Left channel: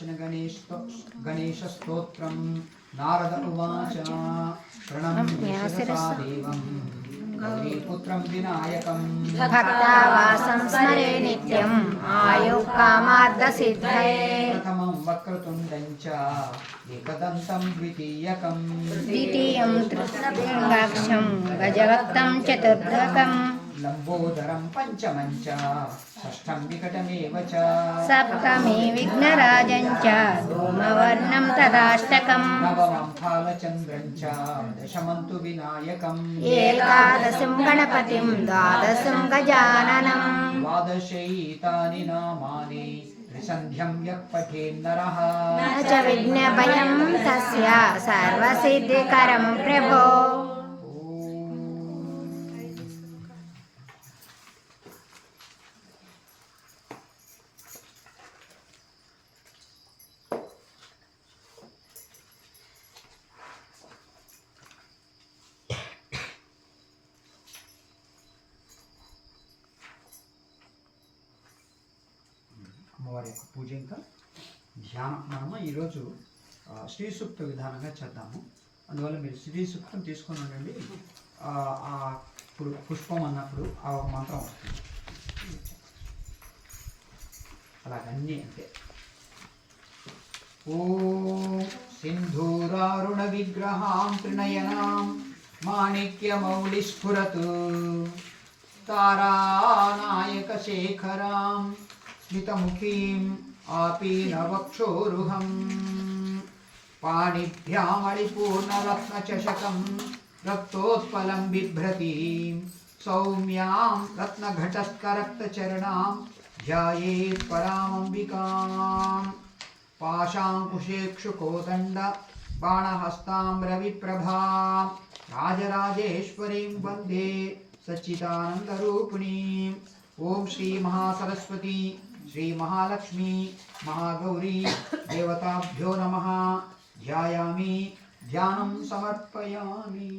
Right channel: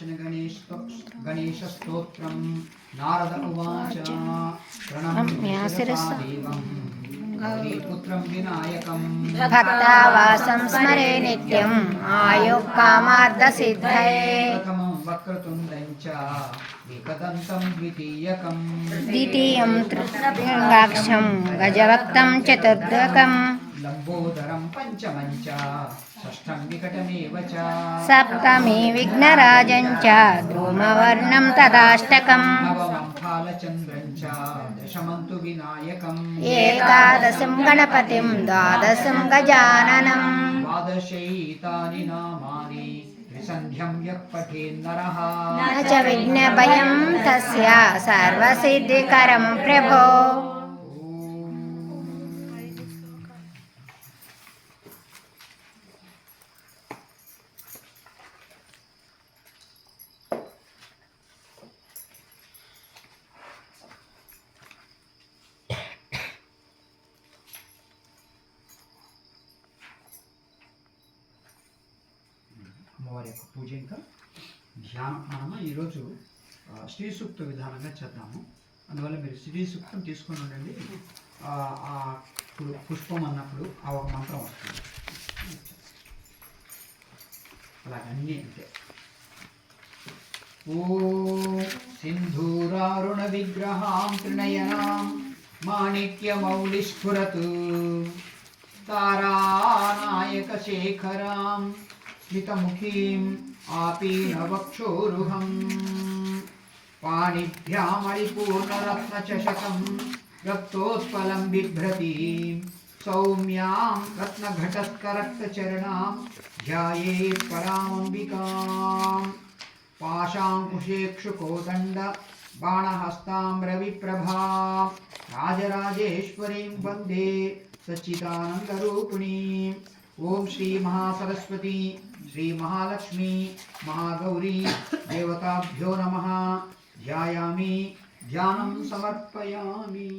विनाशन गणेश स्तोत्रम नारद उवाच प्रणम्य शिरसा देवं गौरीपुत्रं विनायकं भक्तावासं स्मरे नित्यम् आयुःकामार्थसिद्धये प्रथमं वक्रतुण्डं च एकदन्तं द्वितीयं तृतीयाक्षं गजवक्त्रं चतुर्दकं लंबोदरं पंचमं च षष्ठं विकटमेव च सप्तमी विघ्नराजं च धूमवर्णं तदाष्टकं नवमं फालचन्द्रं च दशमं तु विनायकम् एकादशं गणपतिं द्वादशं गजाननं द्वादशैतानि नामानि त्रिसन्ध्यं यः पठेन्नरः न च विघ्नभयं तस्य सर्वसिद्धिकरं प्रभो। అమ్మవారి యొక్క పూజ ఇంకా ధ్యానం మనము ఈరోజు శ్రీ సూక్త విధానంగా చేద్దాము. అందువల్ల మీరు శ్రీ సూక్తం తీసుకొని ఉండండి. ఇప్పుడు పుష్పం అన్నప్పుడు ఆ ఒక మంత్రం వస్తుంది. అలాగన్నీ అంతే. ఓం సింధూరారుణ విగ్రహాం త్రినయనాం మాణిక్యమౌళిస్ఫురతు తారానాయక శేఖరాం स्मितमुखीं आपीनवक्षोरुहं पाणिभ्यामरिपूर्णरत्नचषकं रक्तोत्पलं बिभ्रतीं सौम्यां रत्नघटस्करक्तचरणां ध्यायेत् परामम्बिकां पाशाङ्कुशेक्षुकोदण्ड बाणहस्तां रविप्रभां राजराजेश्वरीं वन्दे सच्चिदानन्दरूपिणीं। ओम श्री महासरस्वती श्री महालक्ष्मी महागौरी देवताभ्यो नमः। ध्यायामि ध्यानं समर्पयामि।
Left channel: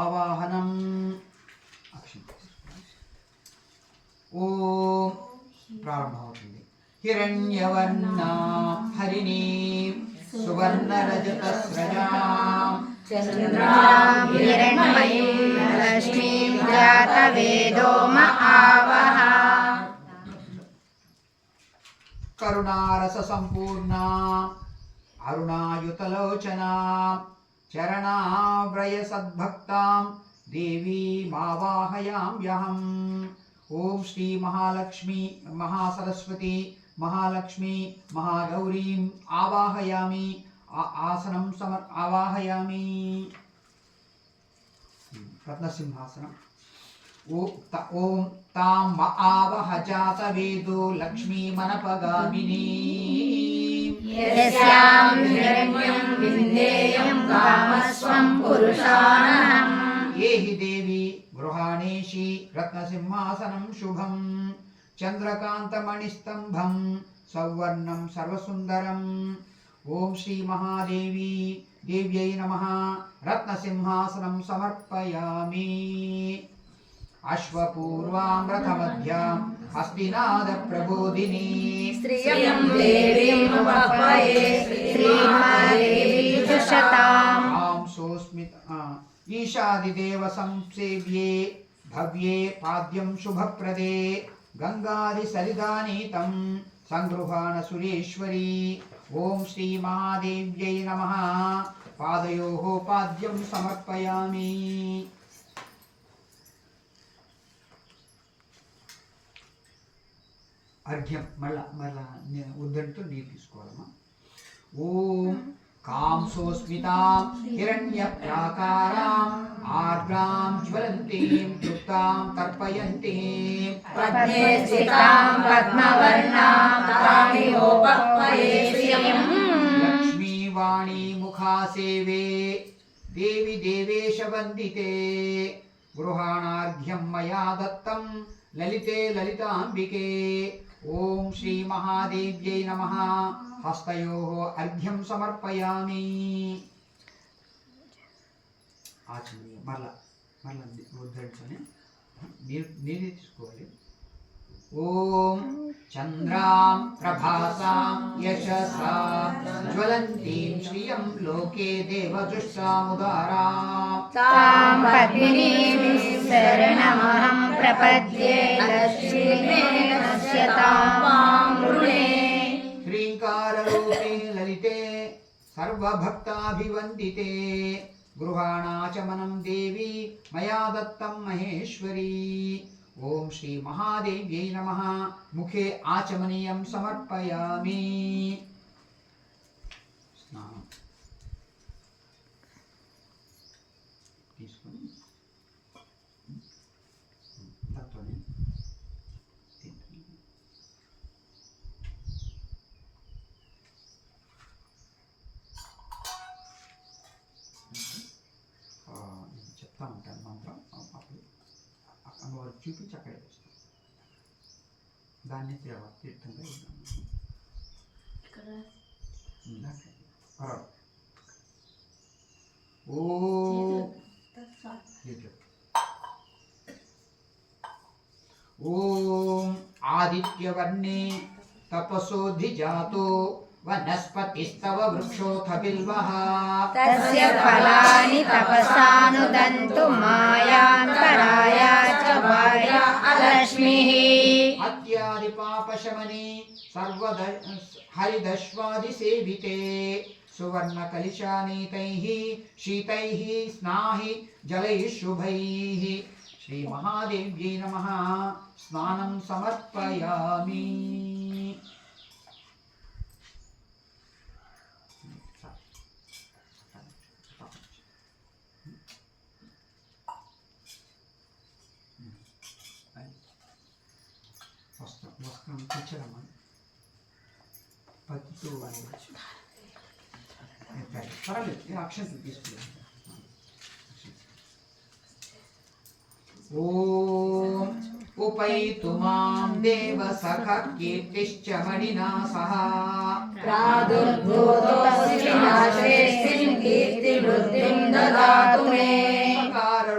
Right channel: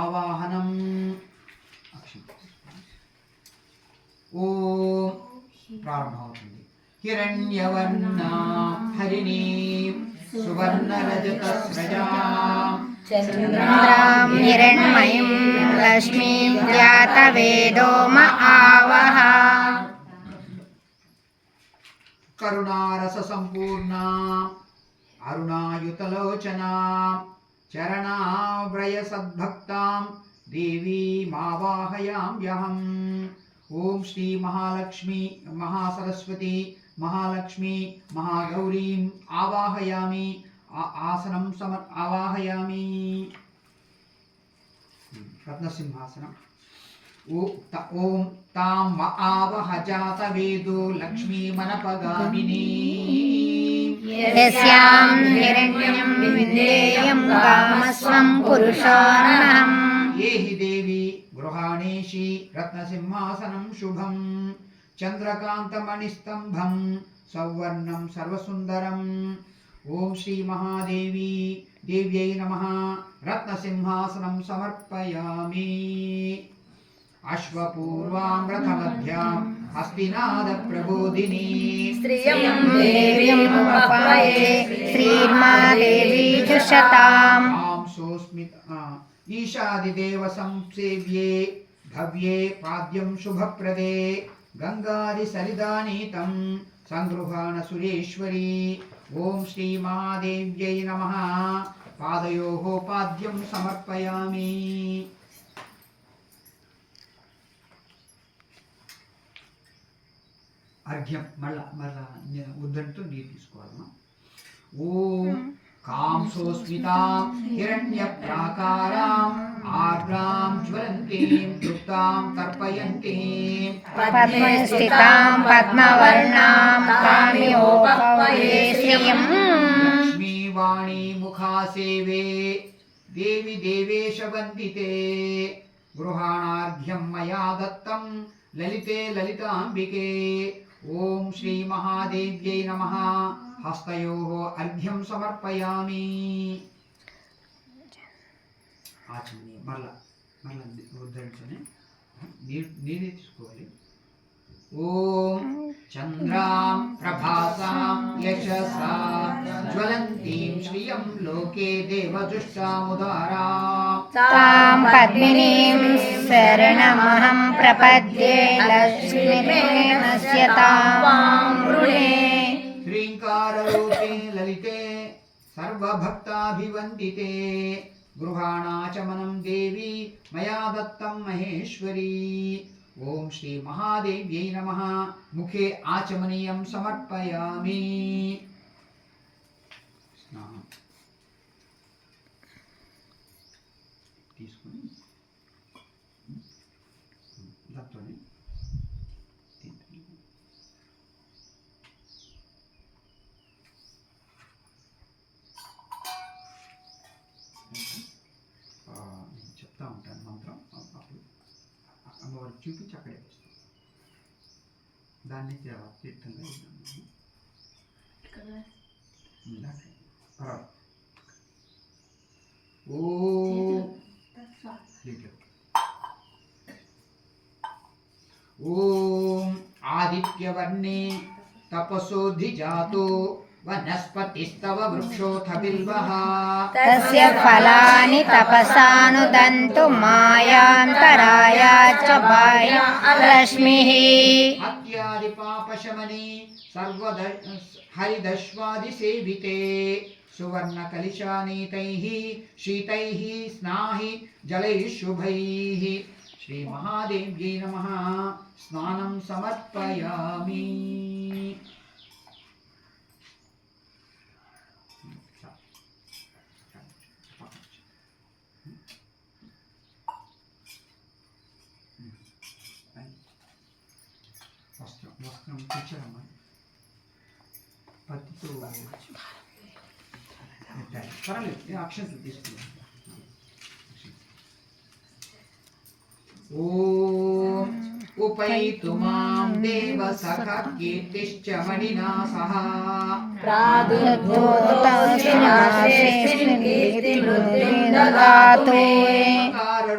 आवाहनम् ओम प्रारंभमవుతుంది. हिरण्यवर्णा हरिणीं सुवर्णरजतस्रजां चन्द्रां हिरण्मयीं रश्मिं जातवेदो म आवह करुणारस संपूर्णा अरुणायुतलोचना चरणाव्रय सद्भक्तां देवीमावाहयाम्यहम्। ओम श्री महालक्ष्मी महासरस्वती महालक्ष्मी महागौरीं आवाहयामि। आसनं आवाहयामि। रत्नसिंहासनम् ओम तां आवह जातवेदो लक्ष्मीमनपगामिनी यस्यां हिरण्यं विन्देयं कामस्वं पुरुषाणम्। ये हि देवी गृहाणेषि रत्नसिंहासनं शुभं चन्द्रकान्तमणिस्तंभं सौवर्णं सर्वसुन्दरम्। ओम श्री महादेवी देव्यै नमः। रत्नसिंहासनं समर्पयामि। अश्वपूर्वां रथमध्यां हस्तिनादप्रबोधिनी श्रियं देवीमुपह्वये श्रीमहादेवी जुषताम्। आं सोऽस्मित् ईशादिदेव संसेव्ये भव्ये पाद्यं शुभप्रदे गंगादिसरिदानीतं संगृहाण सुरेश्वरी। ओम श्री महादेव्यै नमः। पादयोः पाद्यं समर्पयामि। अर्घ्यं मल्ल उद्दंटू नीरु तीसुकोवालम्मा। ओम कां सोऽस्मितां हिरण्यप्राकाराम् आर्द्रां ज्वलन्तीं तृप्तां तर्पयन्तीं पद्मे स्थितां पद्मवर्णां तामिहोपह्वये श्रियम्। लक्ष्मीवाणी मुखासेवे देवी देवेश वन्दिते गृहाणार्घ्यं मया दत्तं ललिते ललिताम्बिके। ओम श्री महादेव्यै नमः। हस्तयोः अर्घ्यं समर्पयामि। आचमनीय मल्ल उद्धరించని నీరు తీసుకోవాలి. ఓం చంద్రాం ప్రభాసాం యశసా జ్వలంతీం శ్రియం లోకే దేవదృష్టాముదారాం తాం పద్మినీం శరణమహం ప్రపద్యే లక్ష్మీర్మే నశ్యతాం వాం వృణే శ్రీంకారరూపే లలితే సర్వభక్తాభివందితే గృహాణాచమనం దేవి మయా దత్తం మహేశ్వరీ. ఓం శ్రీ మహాదేవ్యై నమః. ముఖే ఆచమనీయం సమర్పయామి. స్నానం తీసుకొని దత్తోని నేను చెప్తా ఉంటాను మంత్రం. అప్పుడు అమ్మవారు చూపించి అక్కడే వేస్తాం. దాన్ని తీర్థంగా ఇద్దాం. ఓం ఆదిత్యవర్ణే తపసోధిజాతో వనస్పతిస్తవ వృక్షోథ బిల్వః తస్య ఫలాని తపసానుదంతు మాయాంతరాయ చ బాహ్య లక్ష్మిః అత్యాది పాపశమనే సర్వద హరిదశ్వాది సేవితే సువర్ణ కలిశానీతైః శీతైః స్నాహి జలైః శుభైః. శ్రీ మహాదేవ్యై నమః. స్నానం సమర్పయామి. వస్త్రం తెచ్చారమ్మా. పత్తితో పర్వాలేదు, అక్షంతలు తీసుకున్నాను. ఓం ఉపైతు మాం దేవ సఖ కీర్తిశ్చ మణినా సహ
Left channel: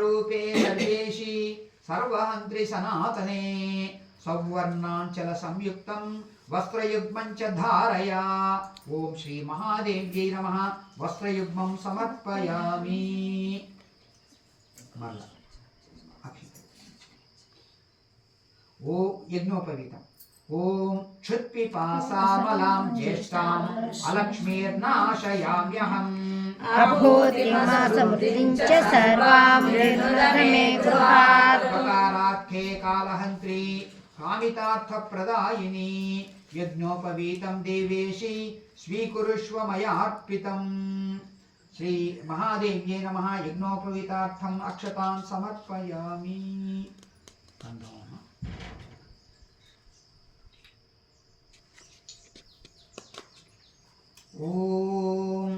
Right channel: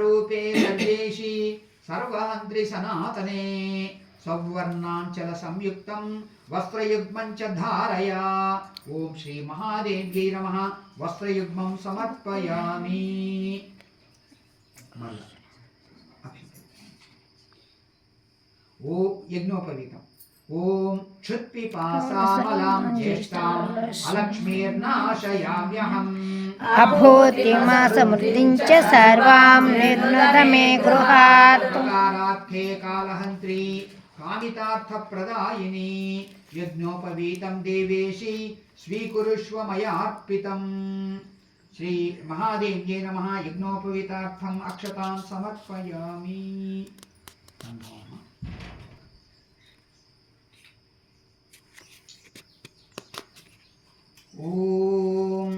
రూపే సర్వేషి సర్వాంత్రి సనాతనే సౌవర్ణాంచల సంయుక్తం వస్త్రయుగ్మం చ ధారయా. ఓం శ్రీ మహాదేవ్యై నమః. వస్త్రయుగ్మం సమర్పయామి. ఓ యజ్ఞోపవీతం. ఓం క్షుత్పిపాసామలాం జ్యేష్ఠాం అలక్ష్మీర్నాశయామ్యహం అభూతిమసమృద్ధిం చ సర్వాం నిర్నమే గృహాత్ ప్రకారార్థే కాలహంత్రి కామితార్థప్రదాయిని యజ్ఞోపవీతం దేవేశి స్వీకురుష్వ మయార్పితం. శ్రీ మహాదేవ్యై నమః. యజ్ఞోపవీతార్థం అక్షతాం సమర్పయామి. ఓం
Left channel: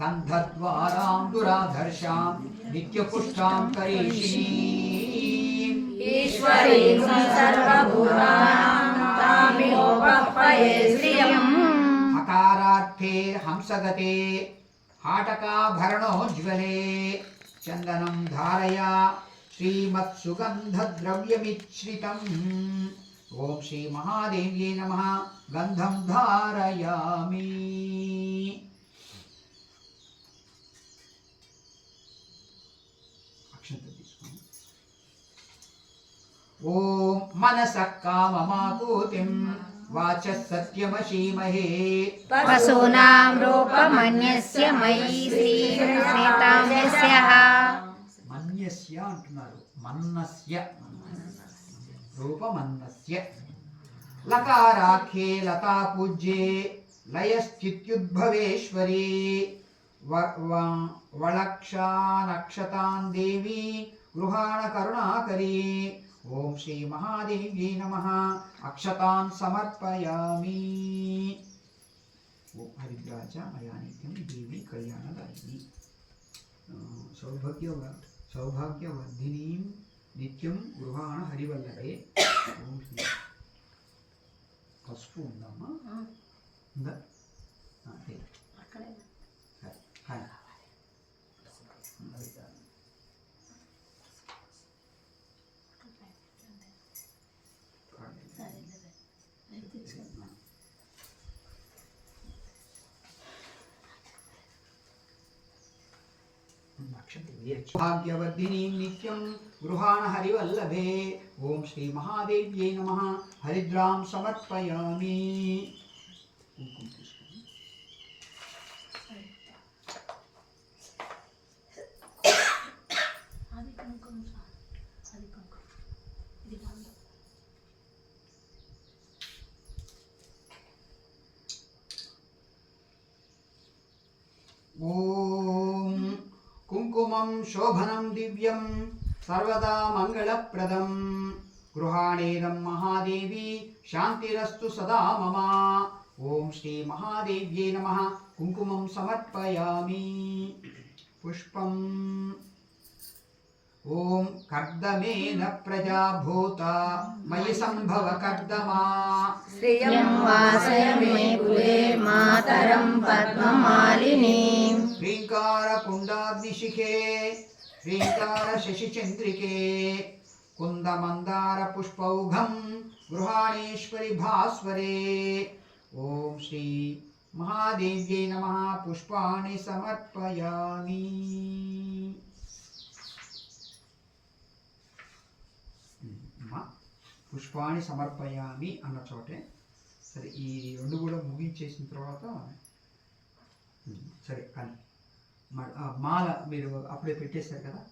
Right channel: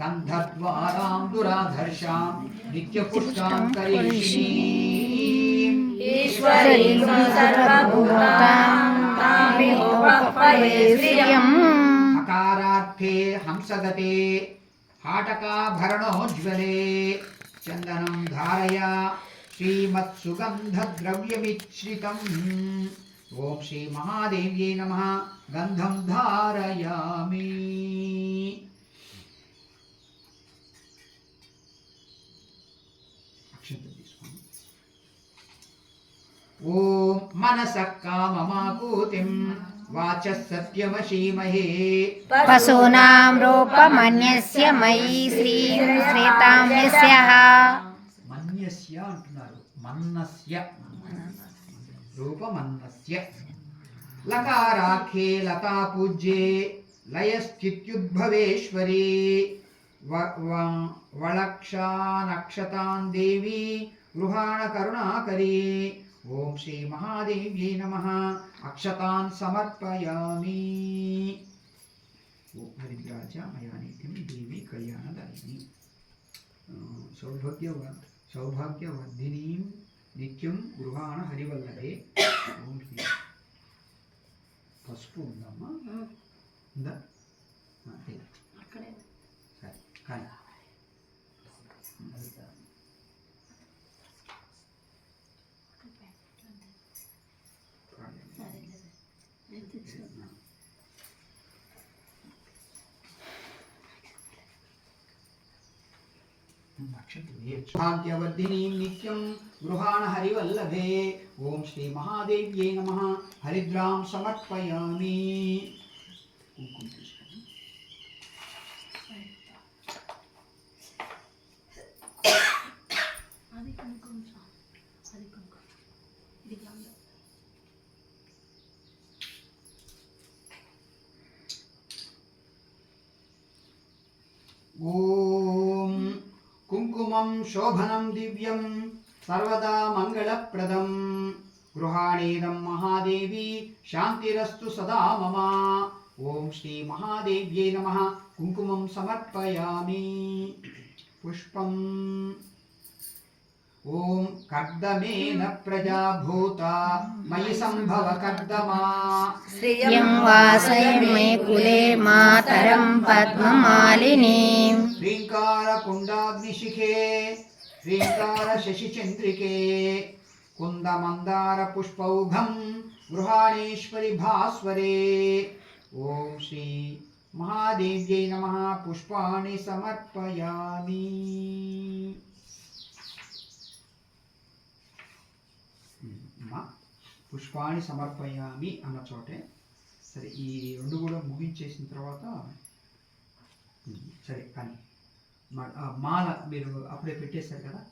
గంధద్వారాం దురాధర్షాం నిత్యపుష్టాం కరీషిణీం ఈశ్వరీం సర్వభూతానాం తామిహోపహ్వయే శ్రియం అకారార్థే హంసగతే హాటకాభరణోజ్వలే చందనం ధారయా శ్రీమత్సుగంధద్రవ్యమిశ్రితం. ఓం శ్రీ మహాదేవ్యై నమః. గంధం ధారయామి. ఓం మనసః కామమాకూతిం వాచః సత్యమశీమహే పశూనాం రూపమన్యస్య మయీ శ్రీతాం యస్యః. మన్యస్య అంటున్నారు. మన్నస్య రూపమన్నస్య. లకారాఖ్యే లతా పూజ్యే లయశ్చిత్యుద్భవేశ్వరీ వళక్షానక్షతాం దేవి గృహాణ కరుణాకరీ. ఓం శ్రీ మహాదేవ్యై నమః. అక్షతాన్ సమర్పయామి. ఓం హరిద్రాజ మయానిత్యం దేవి కళ్యాణదాయిని సౌభాగ్యవర్ధినీం నిత్యం గృహాణ హరివల్లభే. ఓం శ్రీ పసుపు ఉందమ్మా. ఉందా? సరే హాయ్. భాగ్యవర్ధిని నిత్యం గృహాణ హరివల్లభే. ఓం శ్రీ మహాదేవ్యై నమః. హరిద్రాం సమర్పయామి. కుంకుమ తీసుకోండి. ఓం కుంకుమం శోభనం దివ్యం సర్వదా మంగళప్రదం. గృహాణేదం మహాదేవి శాంతిరస్తు సదా మమ. ఓం శ్రీ మహాదేవ్యై నమః. కుంకుమం సమర్పయామి. పుష్పం. ఓం కర్దమేన ప్రజాభూత మయి సంభవ కర్దమా. శ్రియం వాసయ మే కులే మాతరం పద్మమాలినీం. శ్రీంకార కుండాగ్నిశిఖే శ్రీంకార శశిచంద్రికే కుందమందార పుష్పౌఘం గృహాణేశ్వరి భాస్వరే. ఓం శ్రీ మహాదేవ్యై నమః. పుష్పాణి సమర్పయామి. పుష్పాణి సమర్పయామి అన్న చోటే సరే ఈ రెండు కూడా ముగించేసిన తర్వాత సరే కానీ మాల మీరు అప్పుడే పెట్టేశారు కదా,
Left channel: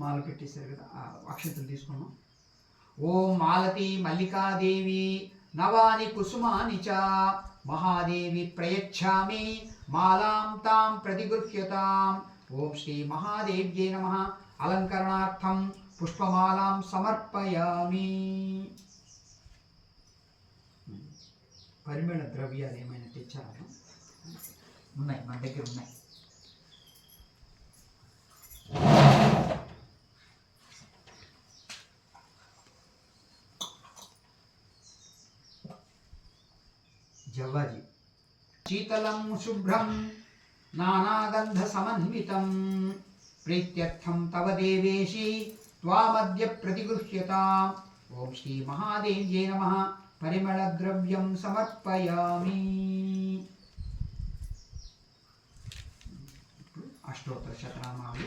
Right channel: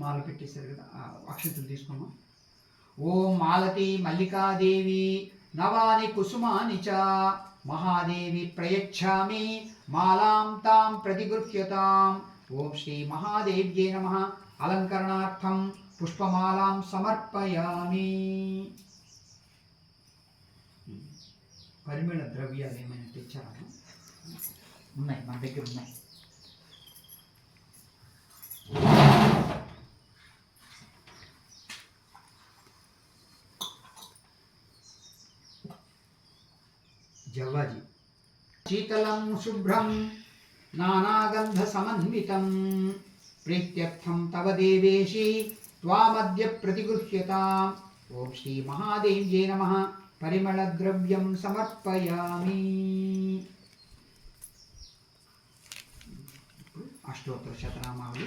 మాల పెట్టేశారు కదా, అక్షంతలు తీసుకున్నాం. ఓం మాలతి మల్లికాదేవి నవాని కుసుమాని చ మహాదేవి ప్రయచ్ఛామి మాలాం తాం ప్రతిగృహ్యతాం. ఓం శ్రీ మహాదేవ్యై నమః. అలంకరణార్థం పుష్పమాలాం సమర్పయామి. పరిమళ ద్రవ్యాలు ఏమైనా తెచ్చారా? ఉన్నాయి, మన దగ్గర ఉన్నాయి. జవ్వాజీ. శీతలం శుభ్రం నానాగంధ సమన్వితం ప్రీత్యర్థం తవ దేవేశి త్వామద్య ప్రతిగృహ్యతాం. ఓం శ్రీ మహాదేవ్యై నమః. పరిమళ ద్రవ్యం సమర్పయామి. అష్టోత్తర శతనామాలు